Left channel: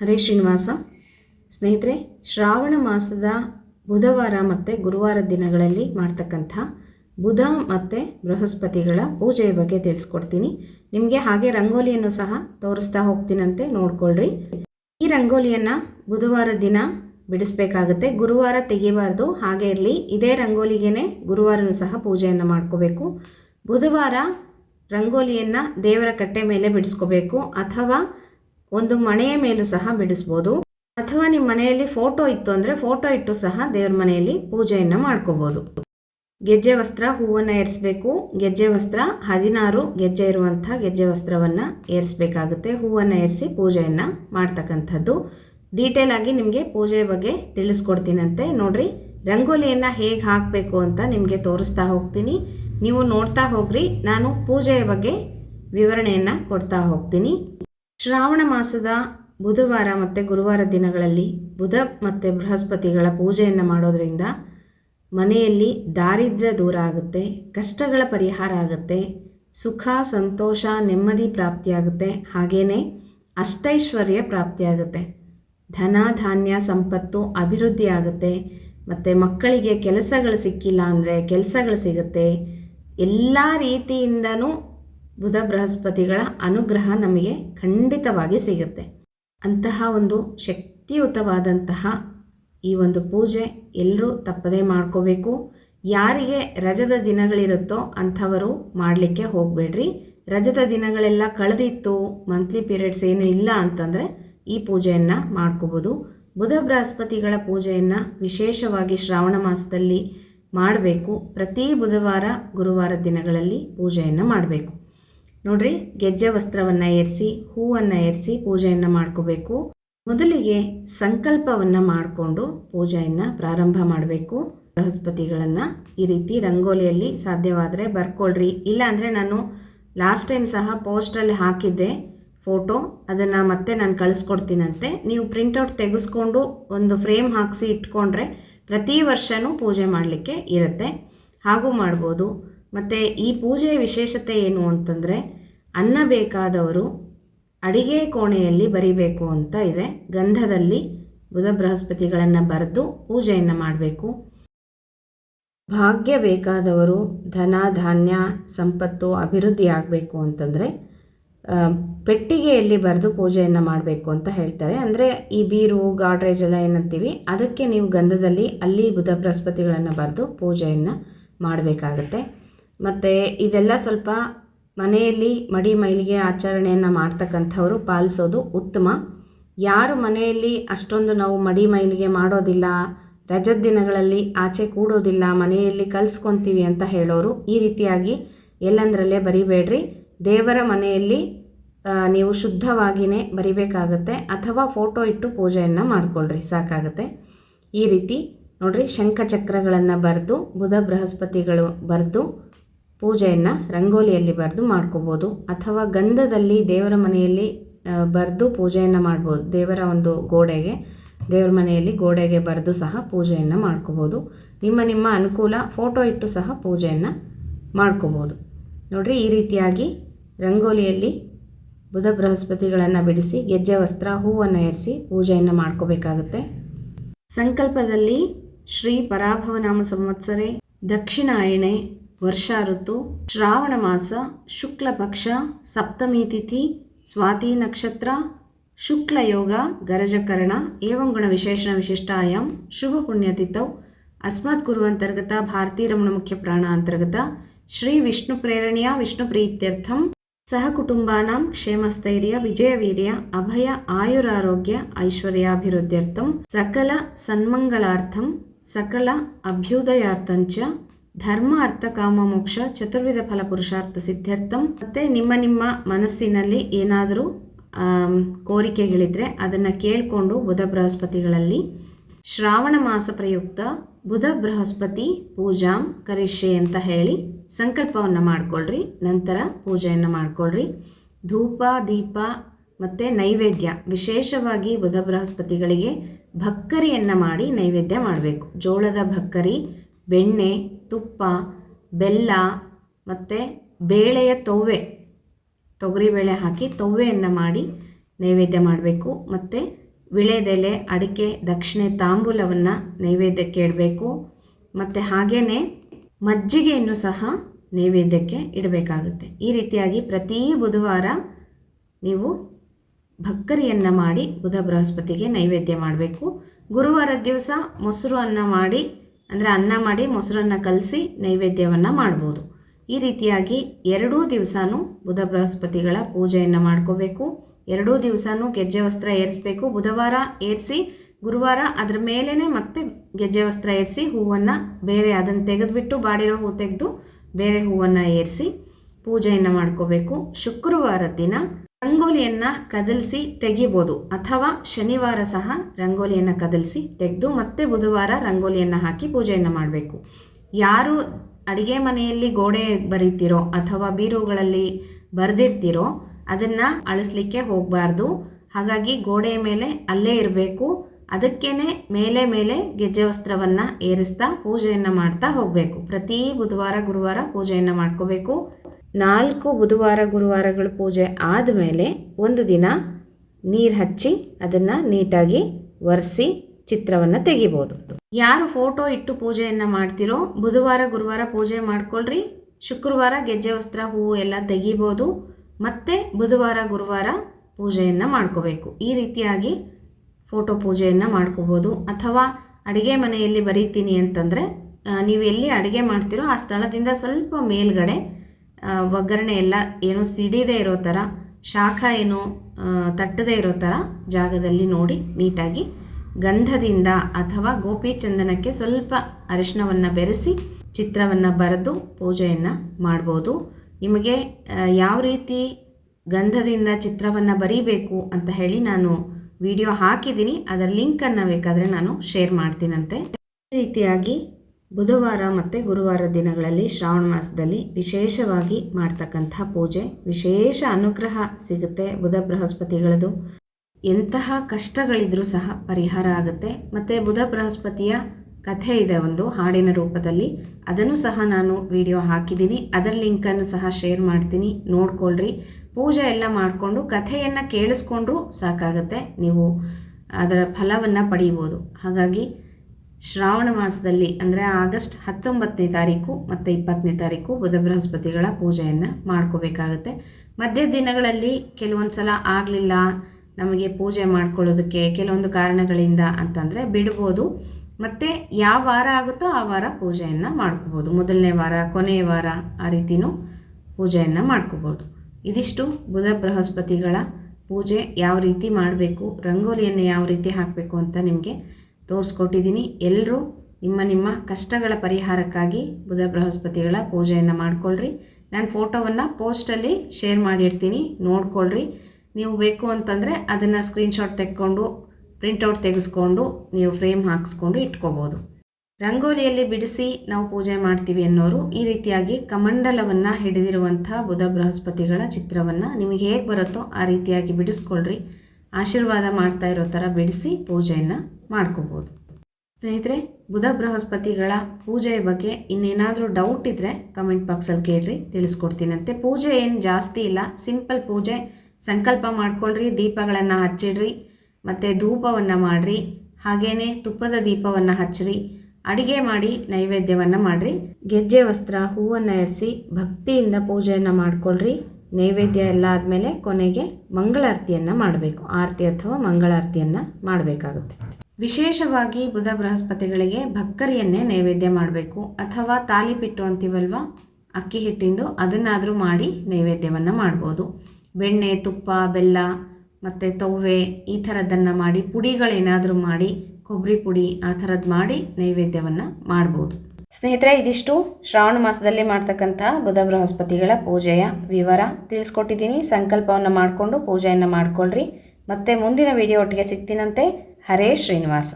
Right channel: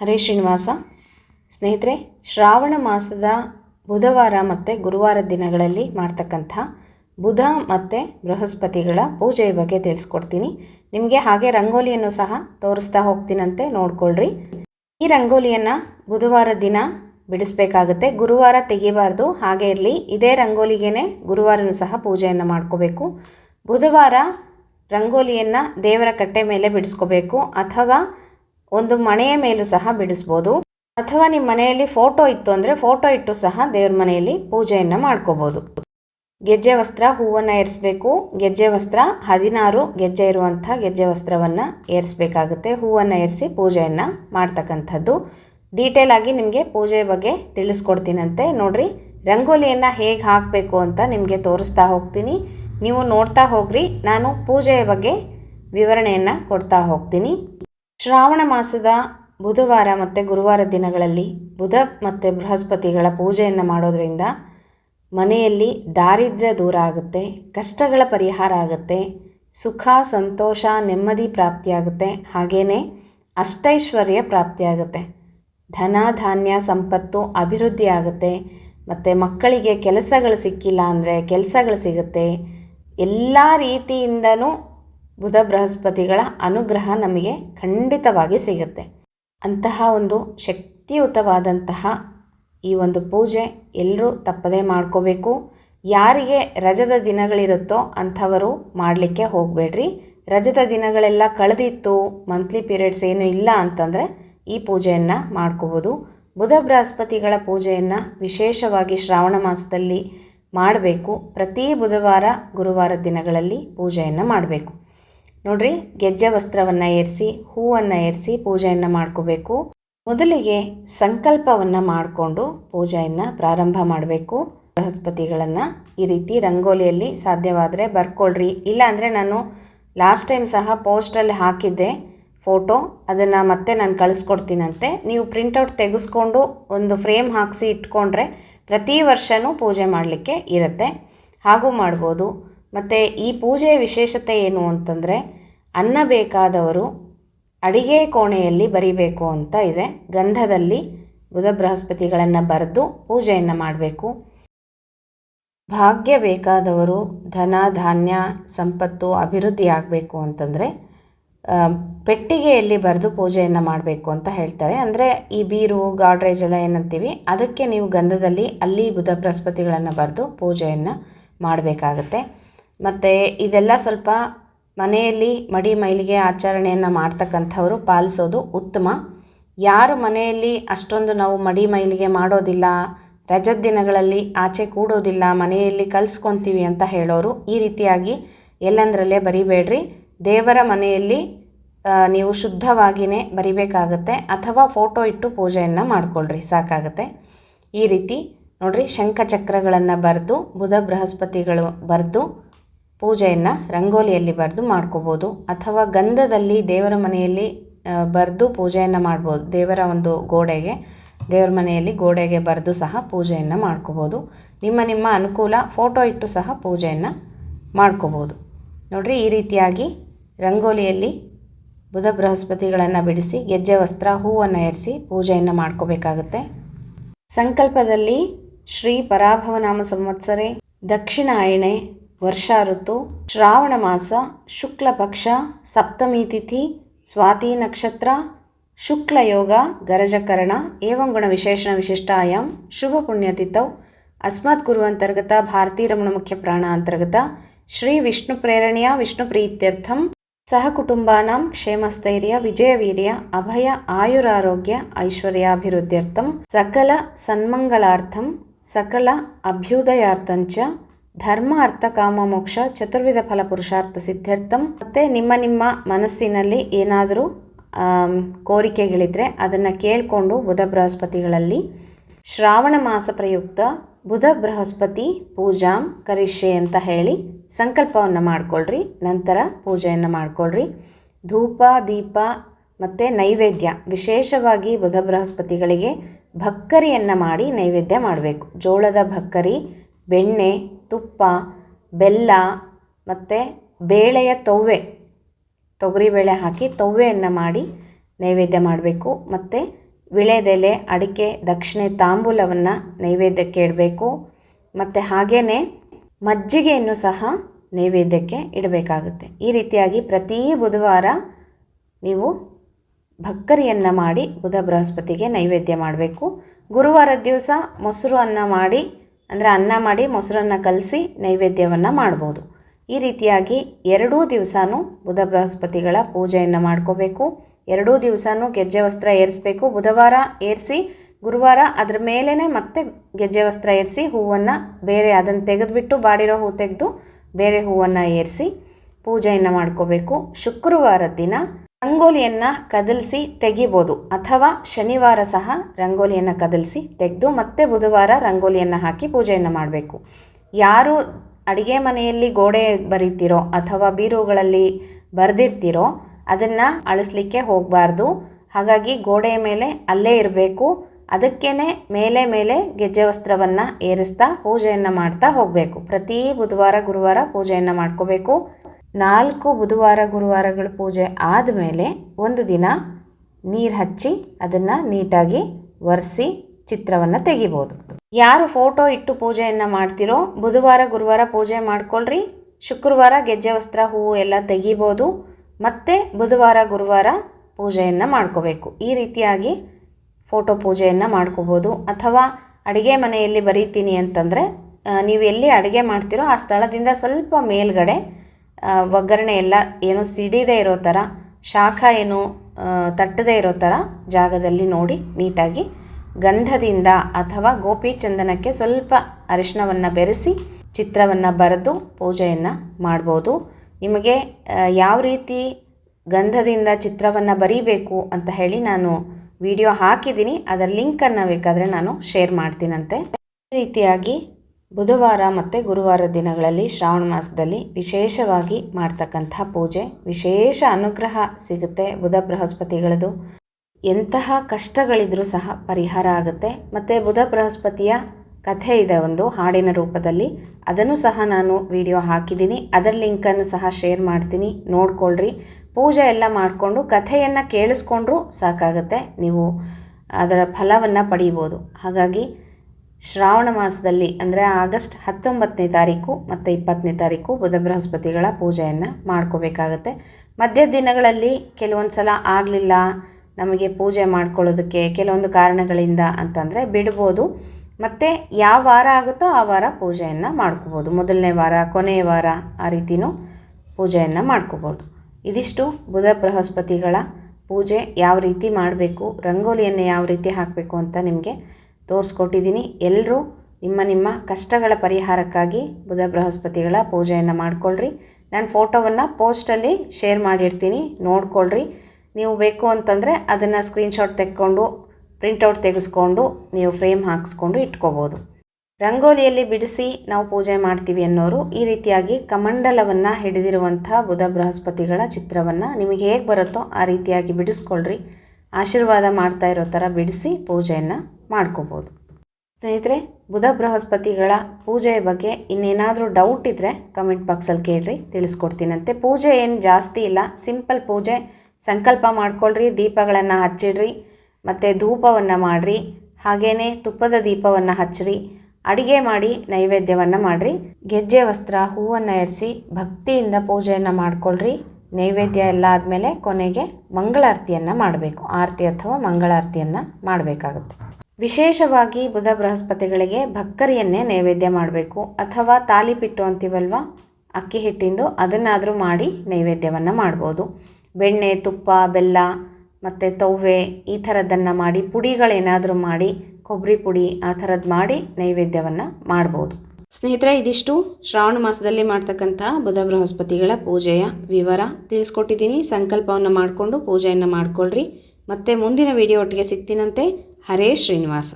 ಹರೇ ಶ್ರೀನಿವಾಸ. ಸ್ನೇಹಿತರೆ, ಶ್ರಾವಣ ಮಾಸದ ಬುಧವಾರ ಮತ್ತು ಗುರುವಾರ ದಿನಗಳಲ್ಲಿ ಮಾಡ್ತಕ್ಕಂಥ ಬುಧ ಮತ್ತು ಬೃಹಸ್ಪತಿಗಳ ಪೂಜೆಯ ಬಗ್ಗೆ ತಿಳಿಸ್ಕೊಡ್ತೀನಿ ನಿಮಗೆ. ಹಾಗೆ ರಂಗೋಲಿಯನ್ನು ಸಹ ತೋರಿಸ್ತಾ ಹೋಗ್ತೀನಂತೆ, ನೋಡ್ಕೊಳ್ರಿ. ಈ ರಂಗೋಲಿಯನ್ನು ಬುಧವಾರ ದಿನ ಬಿಡಿಸ್ಬೇಕಾಗುತ್ತೆ, ಗುರುವಾರ ತೆಗಿಬಾರ್ದು, ಹಾಗೆ ಇರಲಿ. ಇದೇ ರಂಗೋಲಿಗೇ ಗುರುವಾರನೂ ಸಹ ಪೂಜೆಯನ್ನು ಮಾಡ್ಕೋಬೇಕು. ಬುಧವಾರ ರಂಗೋಲಿಯನ್ನು ದೇವರ ಕಟ್ಟೆ ಮೇಲೆ ಬಿಡಿಸ್ಕೋಬೇಕು, ಅಥವಾ ಒಂದು ಮಣೆಯ ಮೇಲೂ ಸಹ ಬಿಡಿಸ್ಬೋದು. ಅಥವಾ ನಿಮ್ಮ ಮನೆಯಲ್ಲಿ ಫೋಟೋ ಇತ್ತು ಅಂದರೆ ಫೋಟೋ ಇಟ್ಟು ಸಹ ದೇವ್ರ ಮನೆಯಲ್ಲಿ ಪೂಜೆಯನ್ನು ಮಾಡ್ಕೋಬೋದು. ಗೆಜ್ಜೆ ವಸ್ತ್ರ, ಹೂವನ್ನು ಏರಿಸಬೇಕು. ಗೆಜ್ಜೆ ವಸ್ತ್ರ 16 ಗೆಜ್ಜೆ ಇರುವಂಥ ಗೆಜ್ಜೆ ವಸ್ತ್ರವನ್ನು ಏರಿಸಬೇಕಾಗುತ್ತೆ. ಹೂವನ್ನು ಏರಿಸಿ ಪೂಜೆಯನ್ನು ಮಾಡ್ತಕ್ಕಂಥದ್ದು. ಡೀಟೇಲ್ ಆಗಿ ನಿಮಗೆ ಪೂಜೆಯ ಬಗ್ಗೆ ತಿಳಿಸ್ಕೊಡ್ತೀನಂತೆ. ನೋಡಿರಿ, ರಂಗೋಲಿಯನ್ನು ಹೇಗೆ ಹಾಕಬೇಕು ಅಂತ ನಿಮಗೆ ತೋರಿಸ್ತಾ ಹೋಗ್ತೀನಿ, ನೀವು ನೋಡ್ತಾ ಹೋಗ್ರಿ. ನಾನು ಪೂಜೆಯ ಬಗ್ಗೆ ವಿವರಣೆಯನ್ನು ಕೊಡ್ತಾ ಹೋಗ್ತೀನಿ. ಶ್ರಾವಣ ಮಾಸದ ಬುಧವಾರ ಮತ್ತು ಗುರುವಾರ ದಿನಗಳಲ್ಲಿ ಬುಧ ಮತ್ತು ಬೃಹಸ್ಪತಿಗಳ ಪೂಜೆಯನ್ನು ಮಾಡೋದರಿಂದ ಮನೆಯಲ್ಲಿ ದಾರಿದ್ರ್ಯ ದೂರ ಆಗುತ್ತೆ, ಕಷ್ಟಗಳ ಪರಿಹಾರ ಆಗುತ್ತೆ, ಸುಖ ಸಂತೋಷ ನೆಮ್ಮದಿ ಪ್ರಾಪ್ತಿಯಾಗುತ್ತೆ, ಹಾಗೆಯೇ ಅಷ್ಟೈಶ್ವರ್ಯ ಪ್ರಾಪ್ತಿಯಾಗುತ್ತೆ, ಧನ ಧಾನ್ಯ ಸಂಪತ್ತು ಅಭಿವೃದ್ಧಿ ಆಗುತ್ತೆ. ಮತ್ತು ಮಕ್ಕಳಿಗೆ ಕೆಲಸಗಳು ಸಿಕ್ಕಿಲ್ಲ ಅಂದರೆ ಕೆಲಸಗಳು ಸಿಗುತ್ತೆ. ಎಲ್ಲ ರೀತಿಯಿಂದನೂ ಬುಧ ಬೃಹಸ್ಪತಿಗಳ ಅನುಗ್ರಹ ನಮಗೆ ಖಂಡಿತವಾಗಿ ಸಿಗುತ್ತೆ. ಅಂತಹ ಒಂದು ಶಕ್ತಿಯುತವಾದಂತಹ ಈ ಒಂದು ಪೂಜೆ ಎಲ್ಲರೂ ತಪ್ಪದೇ ಮಾಡ್ಕೋಬೇಕು. ಯಾರಿಗೆ ರಜದ ದಿನಗಳಿರುತ್ತೋ ಅಂಥವರು ಮಾಡಲಿಕ್ಕೆ ಹೋಗಬೇಡ್ರಿ. ರಜದ ದಿನಗಳೆಲ್ಲ ಕಳೆದಿತ್ತು, ಮಂತ್ಲಿ ಪೀರಿಯಡ್ಸ್ ಏನೂ ಇಲ್ಲ ಅಂತಂದರೆ ಈ ಪೂಜೆಯನ್ನು ಮಾಡ್ಕೋಬೋದು. ಬುಧ ಬೃಹಸ್ಪತಿಗಳ ಪೂಜೆಯನ್ನು ವಿಶೇಷವಾಗಿ ಶ್ರಾವಣ ಮಾಸದಲ್ಲಿ ಮಾಡಬೇಕು. ಪ್ರತಿ ಬುಧವಾರ ಗುರುವಾರ ದಿನಗಳಲ್ಲಿ ಪೂಜೆಯನ್ನು ಮಾಡಬೇಕು. ನೋಡ್ರಿ, ಗೆಜ್ಜೆ ವಸ್ತ್ರವನ್ನು ಏರಿಸಿ ಹೂವನ್ನು ಏರಿಸಿ ಪೂಜೆಯನ್ನು ಮಾಡ್ಕೋಬೇಕು. ಮೊದಲಿಗೆ ಸಂಕಲ್ಪವನ್ನು ಮಾಡಿಕೊಂಡು ಪೂಜೆಯನ್ನು ಪ್ರಾರಂಭ ಮಾಡಬೇಕು. ಬೃಹಸ್ಪತಿಗಳನ್ನು ಈ ರೀತಿ ರಂಗೋಲಿಯಲ್ಲಿ ಸಾಧ್ಯವಾದರೆ ಬರ್ಕೊಳ್ರಿ. ಇಲ್ಲಾಂದರೆ ನಾನು ಲಾಸ್ಟ್ ಟೈಮ್ ಸಹ ಪೋಸ್ಟಲ್ಲಿ ಹಾಕಿದ್ದೆ ಫೋಟೋ, ಅದನ್ನು ಮತ್ತೆ ನಾನು ಕಳಿಸ್ಕೊಡ್ತೀನಂತೆ. ನೀವು ಪ್ರಿಂಟೌಟ್ ತೆಗೆಸ್ಕೊಂಡು ಒಂದು ಫ್ರೇಮ್ ಹಾಕಿಸಿ ಇಟ್ಕೊಂಡ್ರೆ ಪ್ರತಿ ವರ್ಷವೂ ಪೂಜೆ ಮಾಡಲಿಕ್ಕೆ ಇರುತ್ತೆ, ಹಾಗೂ ಮಾಡ್ಬೋದು. ಮತ್ತು ಈ ಪೂಜೆಯ ವಿಶೇಷತೆ ಏನು ಅಂತಂದರೆ, ಅನ್ನ ಬೇಕಾದವರು ಅಡಿಗೆ ಕೋಣೆಯಲ್ಲಿ ಬರಿಬೇಕು ಅಂತ ಇದೆ. ಗಂಧದಲ್ಲಿ ಬುಧ ಬೃಹಸ್ಪತಿಗಳನ್ನು ಬರೆದು ಪೂಜೆಯನ್ನು ಮಾಡಬೇಕು. ಭಾಗ್ಯ ಬೇಕಾದವರು ಧನ ಧಾನ್ಯ ಸಂಪತ್ತು ಅಭಿವೃದ್ಧಿ ಆಗಬೇಕು ಅಂತಂದರೆ ಪೆಟ್ಟಿಗೆಯಲ್ಲಿ ಬರೆದು ಪೂಜೆಯನ್ನು ಮಾಡಬೇಕು ಅಂತ ಹೇಳ್ತಾರೆ. ಅಂದರೆ ಈ ಬೀರು ಗಾಡ್ರೇಜ್ ಎಲ್ಲ ಏನಂತೀವಿ, ಅದಕ್ಕೆ ನೀವು ಗಂಧದಲ್ಲಿ ಅಲ್ಲಿ ಬುಧ ಬೃಹಸ್ಪತಿಗಳನ್ನು ಬರೆದು ಪೂಜೆಯನ್ನು ಮಾಡಬೇಕಾಗತ್ತೆ. ಮತ್ತು ಇದೆಲ್ಲ ಸ್ವಲ್ಪ ಮನೆಯಲ್ಲಿ ಮಡಿ ಮೈಲಿಗೆ ಆಚರಣೆಯನ್ನು ಮಾಡ್ತಕ್ಕಂಥವರು ಪಾಲಿಸೋದು ಉತ್ತಮ. ಯಾರು ಮನೆಯಲ್ಲಿ ಅಷ್ಟೊಂದು ನಾವು ಮಡಿ ಮೈಲಿಗೆ ಮಾಡೋದಿಲ್ಲ, ರಜದ ದಿನಗಳಲ್ಲಿ ಆಚೆ ಕೂಡೋದಿಲ್ಲ, ಮನೆಯಲ್ಲಿ ಕಲಿಸ್ಕೊತೀವಿ ಅಂತ ಹೇಳೋರು ಈ ರೀತಿಯಾಗಿ ಎಲ್ಲಂದರಲ್ಲೇ ಬರಿಬೇಡ್ರಿ. ದೇವರ ಮನೆಯಲ್ಲಿ ನೀವು ಶುದ್ಧವಾಗಿಯೇ ಬರಿಬೇಕಾಗತ್ತೆ, ಅಥವಾ ಫೋಟೋ ಇಟ್ಟು ಪೂಜೆಯನ್ನು ಮಾಡಿಕೊಳ್ಳ್ರಿ, ಸಾಕಾಗುತ್ತೆ. ಈ ರೀತಿ ನೋಡಿರಿ, ಶಂಖಚಕ್ರಗಳನ್ನು ಬರೆದು ಬುಧ ಬೃಹಸ್ಪತಿಗಳು ಬರೆದು ಪೂಜೆಯನ್ನು ರಂಗೋಲಿಯಲ್ಲಿ ಬರೆದು ಮಾಡ್ಕೋಬೋದು, ಅಥವಾ ಗಂಧದಲ್ಲಿ ದೇವರ ಮನೆಯಲ್ಲಿ ಬರೆದು ಪೂಜೆಯನ್ನು ಮಾಡ್ಬೋದು. ದೇವರ ಒಂದು ಗೋಡೆಗೆ, ದೇವರ ಮನೆಯಲ್ಲಿ ಗೋಡೆಗೆ ಬರೆದು ಸಹ ಪೂಜೆಯನ್ನು ಮಾಡ್ಕೋಬೋದು. ನಿಮ್ಮ ಅನುಕೂಲ, ಫೋಟೋ ಇಟ್ಟು ಸಹ ಪೂಜೆಯನ್ನು ಮಾಡ್ಕೋಬೋದು. ನೋಡಿರಿ, ಈ ರೀತಿಯಾಗಿ ರಂಗೋಲಿಯಲ್ಲಿ ಬುಧ ಬೃಹಸ್ಪತಿಗಳನ್ನು ಬಿಡಿಸಿ ಗೆಜ್ಜೆ ವಸ್ತ್ರ ಹೂವನ್ನು ಏರಿಸಿ ಪೂಜೆಯನ್ನು ಮಾಡ್ಕೋಬೇಕಾಗುತ್ತೆ. ಸಂಕಲ್ಪದಲ್ಲಿ ಶ್ರೀ ಪರಾಭವನಾಮ ಸಂವತ್ಸರೆ ದಕ್ಷಿಣಾಯಣೆ ವರ್ಷಾ ಋತು ಶ್ರಾವಣ ಮಾಸ ಶುಕ್ಲ ಪಕ್ಷ ಸಪ್ತಮಿ ತಿಥಿ ಸ್ವಾತಿ ನಕ್ಷತ್ರ ಶುಕ್ಲ ಯೋಗ ಗರಜಕರಣ ಏವಂ ಗುಣ ವಿಶೇಷಣ ವಿಶಿಷ್ಟಾಯಾಮ್ ಶುಭ ಪುಣ್ಯತಿಥೌ ಅಸ್ಮತ್ ಗುರು ಅಂತರ್ಗತ ಭಾರತೀ ರಮಣ ಮುಖ್ಯ ಪ್ರಾಣ ಅಂತರ್ಗತ ಶ್ರೀ ವಿಷ್ಣು ಪ್ರೇರಣೆಯ ವಿಷ್ಣು ಪ್ರೀತ್ಯರ್ಥಂ ಸಹ ಕುಟುಂಬಾನಾಂ ಕ್ಷೇಮಸ್ಥೈರ್ಯ ವಿಜಯವೀರ್ಯ ಅಭಯ ಆಯುರಾರೋಗ್ಯ ಐಶ್ವರ್ಯಾಭಿವೃದ್ಧ್ಯರ್ಥಂ ಸಕಲ ಸನ್ಮಂಗಳಾರ್ಥಂ ಸಕಲ ಅಭ್ಯುದಯಾರ್ಥಂಚ ಧರ್ಮ ಅರ್ಥ ಕಾಮ ಮೋಕ್ಷ ಚತುರ್ವಿಧ ಫಲ ಪುರುಷಾರ್ಥ ಸಿದ್ಧಾರ್ಥಂ. ಮತ್ತು ನಿಮ್ಮ ಮನಸ್ಸಿನಲ್ಲಿ ಏನಾದರೂ ಕೋರಿಕೆಗಳಿದ್ದರೆ ಅದನ್ನು ಕೇಳಿಕೊಂಡು ಬುಧ ಬೃಹಸ್ಪತಿಗಳಲ್ಲಿ ಶ್ರಾವಣ ಮಾಸ ಪ್ರಯುಕ್ತ ಬುಧ ಬೃಹಸ್ಪತಿ ಪೂಜಾಂ ಕರಿಷ್ಯೆ ಅಂತ ಹೇಳಿ ಸಂಕಲ್ಪವನ್ನು ಮಾಡಿಕೊಳ್ಳ್ರಿ. ನಂತರ ಪೂಜೆಯನ್ನು ಮಾಡಿಕೊಳ್ಳ್ರಿ. ಧೂಪ ದೀಪ ಮತ್ತು ನೈವೇದ್ಯ, ವಿಶೇಷವಾಗಿ ಬುಧ ಬೃಹಸ್ಪತಿಗಳಿಗೆ ಭಕ್ಕರಿಯನ್ನು ಮಾಡಿ ನೈವೇದ್ಯ ಮಾಡಬೇಕು. ಜೋಳದ ಭಕ್ಕರಿ, ಬೆಣ್ಣೆ, ತುಪ್ಪ, ಬೆಲ್ಲ ಮತ್ತು ಬೇಳೆಯ ತೊವ್ವೆ, ತೊಗರಿಬೇಳೆ ಹಾಕಿ ತೊವ್ವೆಯನ್ನು ಮಾಡಿ ನೈವೇದ್ಯ ಮಾಡಬೇಕು. ಮತ್ತು ವಿಳೆದೆಲೆ, ಅಡಿಕೆ, ದಕ್ಷಿಣೆ, ತಾಂಬೂಲವನ್ನು ನೈವೇದ್ಯಕ್ಕೆ ಇಡಬೇಕು. ಮತ್ತು ಹಾಗೆಯೇ ಮಜ್ಜಿಗೆಯನ್ನು ಸಹ ನೈವೇದ್ಯಕ್ಕೆ ಇಡಬೇಕಾಗುತ್ತೆ. ಈ ರೀತಿಯಾಗಿ ಪ್ರತಿ ಬುಧವಾರ ನೀವು ಭಕ್ಕರಿಯನ್ನು ಮಾಡಿ ಬುಧ ಬೃಹಸ್ಪತಿಗೆ ನೈವೇದ್ಯ ಮಾಡಬೇಕು. ಗುರುವಾರದ ದಿವಸ ಮೊಸರು ಅನ್ನ ಮಾಡಿ, ಅಂದರೆ ಅನ್ನ ಮಾಡಿ ಮೊಸರನ್ನು ಕಲಸಿ ನೈವೇದ್ಯವನ್ನು ಮಾಡ್ಬೋದು. ಈ ರೀತಿಯಾಗಿ ಎರಡೂ ದಿವಸನೂ ಬುಧ ಬೃಹಸ್ಪತಿಗಳ ಪೂಜೆಯನ್ನು ಮಾಡ್ಕೋಬೇಕು. ಎರಡೂ ದಿವಸನೂ ಗೆಜ್ಜೆ ವಸ್ತ್ರ ಏರಿಸಬೇಕು. ಬುಧವಾರ ಏರಿಸಿ ಗುರುವಾರ ಅದ್ರ ಮೇಲೇ ಮತ್ತೆ ಗೆಜ್ಜೆ ವಸ್ತ್ರ ಏರಿಸಿ ಹೂವನ್ನು ಬೇರೆ ಅದನ್ನು ತೆಗೆದುಬಿಟ್ಟು ಬಾಡಿರೋ ಹೂ ತೆಗೆದು ಬೇರೆ ಹೂವನ್ನು ಏರಿಸಿ ಪೂಜೆಯನ್ನು ಮಾಡ್ಕೋಬೇಕು. ಶುಕ್ರವಾರದ ದಿನ ರಂಗೋಲಿಯನ್ನು ಕದಲಿಸಿ ತೆಗಿಬೋದು, ಅಥವಾ ಶನಿವಾರ ಸಹ ರಂಗೋಲಿಯನ್ನು ಕದಲಿಸಿ ತೆಗೆದು ಮತ್ತೆ ಬುಧವಾರ ರಂಗೋಲಿಯನ್ನು ಹಾಕಿ ಪೂಜೆಯನ್ನು ಮಾಡಬೇಕು. ಯಾರು ಅಡುಗೆ ಮನೆಯಲ್ಲಿ ಗೋಡೆ ಬರೀತಿರೋ ಅಥವಾ ಬೀರುಗಳಲ್ಲಿ ಬರೆದಿರ್ತೀರೋ ಅದನ್ನು ಅಳಿಸ್ಲಿಕ್ಕೆ ಹೋಗಬಾರ್ದು. ಹಾಗಾಗಿ ಗೋಡೆಯ ಮೇಲೆ ಅಲ್ಲೇ ಇರಬೇಕು. ಅದಕ್ಕೇ ಮೇಲೆ ಗೆಜ್ಜೆ ವಸ್ತ್ರವನ್ನು ಏರಿಸ್ತಾ ಪೂಜೆಯನ್ನು ಮಾಡ್ತಾ ಹೋಗಬೇಕು. ಪ್ರತಿ ಬುಧವಾರ ಗುರುವಾರ ಪೂಜೆಯನ್ನು ಮಾಡ್ಕೋಬೇಕು. 4 ಬುಧವಾರ ಗುರುವಾರಗಳು ಪೂಜೆ ಆದಮೇಲೆ ಒಂದು ದಿನ ನೀರು ಹಚ್ಚಿ ಅದನ್ನು ನೀಟಾಗಿ ಒರೆಸಿ ಚಿತ್ರವನ್ನು ತೆಗಿಬೋದು. ಯಾರು ಫೋಟೋ ಇಟ್ಟು ಪೂಜೆಯನ್ನು ಮಾಡ್ತಿರೋ ಬುಧವಾರ ಗುರುವಾರ ಪೂಜೆ ಮಾಡ್ಕೊಳ್ರಿ. ಶುಕ್ರವಾರ ಗೆಜ್ಜೆ ವಸ್ತ್ರ ಹೂವು ಎಲ್ಲ ತೆಗಿಬೋದು. ಮತ್ತು ಬುಧವಾರ ಗುರುವಾರ ಪೂಜೆಯನ್ನು ಮಾಡ್ಕೋಬೇಕು. ಈ ರೀತಿಯಾಗಿ ಫೋಟೋ ಪೂಜೆಯನ್ನು ಮಾಡ್ಕೋಬೋದು. ಅಥವಾ ಅಡುಗೆ ಮನೆಯಲ್ಲಿ ಬರೀತೀನಿ ಅಂತಂದರೆ ನೀವು ಎಲ್ಲಿ ಅಡುಗೆ ಮಾಡ್ತೀರೋ ಆ ಸ್ಥಳದಿಂದ ಸ್ವಲ್ಪ ಮೇಲ್ಗಡೆ ಒಗ್ಗರಣೆ ಎಲ್ಲ ಏನು ಸಿಡಿದೇ ಇರೋ ಥರ, ಶಾಖ ಏನು ತಟ್ಟದೇ ಇರೋ ಥರ ಜಾಗದಲ್ಲಿ ನೋಡಿ ನೀಟಾಗಿ ಗಂಧದಿಂದ ಅಥವಾ ಗೋಪಿ ಚಂದನಕ್ಕೆ ಸ್ವಲ್ಪ ಅರಿಶಿಣವನ್ನು ಬೆರೆಸಿ ಚಿತ್ರವನ್ನು ಬರೆದು ಪೂಜೆಯನ್ನು ಮಾಡ್ಬೋದು. ನಿಮಗೆ ಯಾವ ರೀತಿ ಗಂಧದಿಂದ ಚಿತ್ರವನ್ನು ಬರೀಬೇಕು ಅಂತ ಹೇಳಿ ನಾನು ವಿಡಿಯೋ ಹಾಕಿದ್ದೀನಿ. ಅದರ ಲಿಂಕನ್ನು ಬೇಕಾದರೆ ನಾನು ಶೇರ್ ಮಾಡ್ತೀನಂತೆ. ಈ ರೀತಿಯಾಗಿ ಬುಧವಾರ ಮತ್ತು ಗುರುವಾರ ದಿನಗಳಲ್ಲಿ ಶ್ರಾವಣ ಮಾಸದಲ್ಲಿ ವಿಶೇಷವಾಗಿ ಮಾಡ್ತಕ್ಕಂಥ ಪೂಜೆ, ವಿಶೇಷ ಅನುಗ್ರಹ ಸಿಗುತ್ತೆ ಬುಧ ಬೃಹಸ್ಪತಿಗಳದು. ಎಂತಹ ಕಷ್ಟಗಳಿದ್ರೂ ಸಹ ಪರಿಹಾರ ಆಗುತ್ತೆ. ಮತ್ತು ಬುಧ ಬೃಹಸ್ಪತಿಯ ಕಥೆ ಇದೆ ಒಂದು ಹಾಡಿನ ರೂಪದಲ್ಲಿ, ಅದನ್ನು ಸಹ ನಾನು ವಿಡಿಯೋ ಹಾಕಿದ್ದೀನಿ. ಅದರ ಲಿಂಕನ್ನು ಸಹ ಶೇರ್ ಮಾಡ್ತೀನಿ, ನೋಡ್ಕೊಳ್ರಿ. ಪೂಜೆ ಎಲ್ಲ ಮಾಡಿಕೊಂಡು ಕಥೆಯನ್ನು ಕೇಳಿಸ್ಕೊಂಡ್ರೂ ಸಾಕಾಗುತ್ತೆ, ನೀವು ಅದರ ಫಲವನ್ನು ಪಡೀಬೋದು. ಹಾಗಾಗಿ ಶ್ರಾವಣ ಮಾಸದಲ್ಲಿ ಅಂದರೆ ಆಗಸ್ಟ್ 19ನೇ ತಾರೀಕು ಮತ್ತು 20ನೇ ತಾರೀಕು ಬುಧ ಬೃಹಸ್ಪತಿಗಳ ಪೂಜೆಯನ್ನು ಮಾಡ್ಕೋಬೇಕಾಗತ್ತೆ. ಮಧ್ಯ ದಿನಗಳಲ್ಲಿ ಕೆಲವೊಂದು ಸಲ ಆಗಲಿಲ್ಲ ನಮಗೆ ಪೂಜೆ ಮಾಡ್ಕೊಳ್ಳೋದಕ್ಕೆ ಕೆಲವೊಂದು ಕಾರಣಗಳಿಂದ ಅಂತಂದರೆ ಬಿಡ್ಬೋದು. ಮತ್ತು ಯಾವ ವಾರ ಆಗುತ್ತೋ ಆ ವಾರ ಪೂಜೆಯನ್ನು ಮಾಡ್ಕೋಬೋದು. ಮೊದಲನೇ ವಾರ, ಕೊನೆಯ ವಾರ ಆ ರೀತಿಯೂ ಪೂಜೆಯನ್ನು ಮಾಡ್ಕೋಬೋದು. ಇದಿಷ್ಟು ಬುಧ ಬೃಹಸ್ಪತಿಗಳ ಪೂಜೆ ಯಾವ ರೀತಿ ಮಾಡಬೇಕು, ರಂಗೋಲಿಯನ್ನು ಯಾವ ರೀತಿ ಹಾಕಬೇಕು ಅಂತ ನಿಮಗೆ ತೋರಿಸ್ಕೊಟ್ಟಿದ್ದೀನಿ. ಎಲ್ಲರೂ ನಿಮ್ಮ ಕಷ್ಟಗಳ ಪರಿಹಾರಕ್ಕಾಗಿ ಬುಧ ಬೃಹಸ್ಪತಿಗಳ ಪೂಜೆಯನ್ನು ಮಾಡ್ಕೊಳ್ರಿ. ನಾನು ಫೋಟೋವನ್ನು ಪೋಸ್ಟಲ್ಲಿ ಶೇರ್ ಮಾಡಿರ್ತೀನಿ, ನೋಡ್ಕೊಳ್ರಿ. ನೀವು ಬೇಕು ಅಂತಂದರೆ ಅದನ್ನು ಸ್ಕ್ರೀನ್ಶಾಟ್ ತೆಕ್ಕೊಂಡು ಪ್ರಿಂಟೌಟ್ ತೆಗೆಸ್ಕೊಂಡು ನೀವು ಫ್ರೇಮ್ ಹಾಕಿಸ್ಕೊಂಡು ಇಟ್ಕೋಬೋದು. ರಂಗೋಲಿಯಲ್ಲಿ ಬಿಡಿಸಿ ನಾವು ಪೂಜೆ ಮಾಡ್ತೀವಿ ಅನ್ನೋರು ಈ ರೀತಿಯಾಗಿ ಕಮಂಡಲವನ್ನು ಹಿಡಿದಿರುವಂಥ ಬುಧ ಬೃಹಸ್ಪತಿಗಳ ಚಿತ್ರವನ್ನು ನಿಮಗೆ ಹೇಗೆ ಬರುತ್ತೋ ಆ ರೀತಿಯಾಗಿ ಬಿಡಿಸ್ಕೊಳ್ರಿ. ಆಶೀರ್ವಾದ ಮಾಡ್ತಾ ಇರೋ ಥರ ಬಿಡಿಸಿ ಪೂಜೆಯನ್ನು ಮಾಡ್ಕೋಬೋದು. ಸ್ನೇಹಿತರೆ, ಬುಧ ಬೃಹಸ್ಪತಿಗಳ ಪೂಜೆಯ ಬಗ್ಗೆ ಇನ್ನೇನಾದರೂ ಡೌಟ್ ಇದ್ದರೆ ಕಮೆಂಟ್ ಬಾಕ್ಸಲ್ಲಿ ಕೇಳ್ರಿ, ತಿಳಿಸ್ಕೊಡ್ತೀನಂತೆ. ಪೂಜೆ ಏನು ಜಾಸ್ತಿ ಇಲ್ಲ, ಸಿಂಪಲ್ ಪೂಜೆ. ಸಂಕಲ್ಪ ಮಾಡ್ಕೊಳ್ರಿ, ದೀಪಗಳನ್ನು ಹಚ್ಚಿಡ್ರಿ, ಮತ್ತು ಧೂಪವನ್ನು ಮಾಡಿರಿ, ಹಾಗೆಯೇ ತುಪ್ಪದ ದೀಪವನ್ನು ಹಚ್ಚಿರಿ, ಅಡಿಗೆ ಮಾಡಿ ನೈವೇದ್ಯವನ್ನು ಮಾಡಿರಿ, ಗೆಜ್ಜೆ ವಸ್ತ್ರ ಹೂವನ್ನು ಏರಿಸಿ ಭಕ್ತಿಯಿಂದ ಪೂಜೆಯನ್ನು ಮಾಡ್ಕೊಳ್ರಿ. ನೈವೇದ್ಯ ಎಲ್ಲ ಆದಮೇಲೆ ಕೊನೆಗೆ ಮಂಗಳಾರತಿಯನ್ನು ಮಾಡಬೇಕು. ಆರತಿ ಅಥವಾ ಮಂಗಳಾರತಿಯನ್ನು ಮಾಡಬೇಕಾಗುತ್ತೆ. ವಿಶೇಷವಾಗಿ ಬುಧ ಬೃಹಸ್ಪತಿಗಳಿಗೆ ಭಕ್ಕರಿಯನ್ನೇ ನೈವೇದ್ಯ ಮಾಡಬೇಕು. ಅಥವಾ ತಾಲಿಪಿಟ್ಟು ಅಂತೀವಲ್ವ, ಅಕ್ಕಿ ಹಿಟ್ಟಿಂದು, ಅದನ್ನಾದರೂ ಮಾಡಿ ನೈವೇದ್ಯವನ್ನು ಮಾಡ್ಬೋದು. ಬೆಣ್ಣೆ, ತುಪ್ಪ, ಬೆಲ್ಲ ಮತ್ತು ತವ್ವೆ ಈ ಥರದ್ದನ್ನು ಮಾಡಿ, ಪುಡಿಗಳೇನಾದರೂ ಮಾಡಿ, ಕೊಬ್ಬರಿ ಪುಡಿ ಆ ಥರದ್ದು ಮಾಡಿ ನೈವೇದ್ಯವನ್ನು ಮಾಡ್ಬೋದು. ಸ್ನೇಹಿತರೆ, ಇದಿಷ್ಟು ಶ್ರಾವಣ ಮಾಸದಲ್ಲಿ ಮಾಡ್ತಕ್ಕಂಥ ಬುಧ ಬೃಹಸ್ಪತಿಗಳ ಪೂಜೆಯ ವಿವರ ತಿಳಿಸ್ಕೊಟ್ಟಿದ್ದೀನಿ. ಸಂಕಲ್ಪವನ್ನು ಮಾಡಿಕೊಂಡು ಪೂಜೆಯನ್ನು ಮಾಡಿಕೊಳ್ಳ್ರಿ. ಮತ್ತೆ ಮುಂದಿನ ವಿಡಿಯೋ ಒಟ್ಟಿಗೆ ಸಿಗ್ತೀನಂತೆ. ಹರೇ ಶ್ರೀನಿವಾಸ.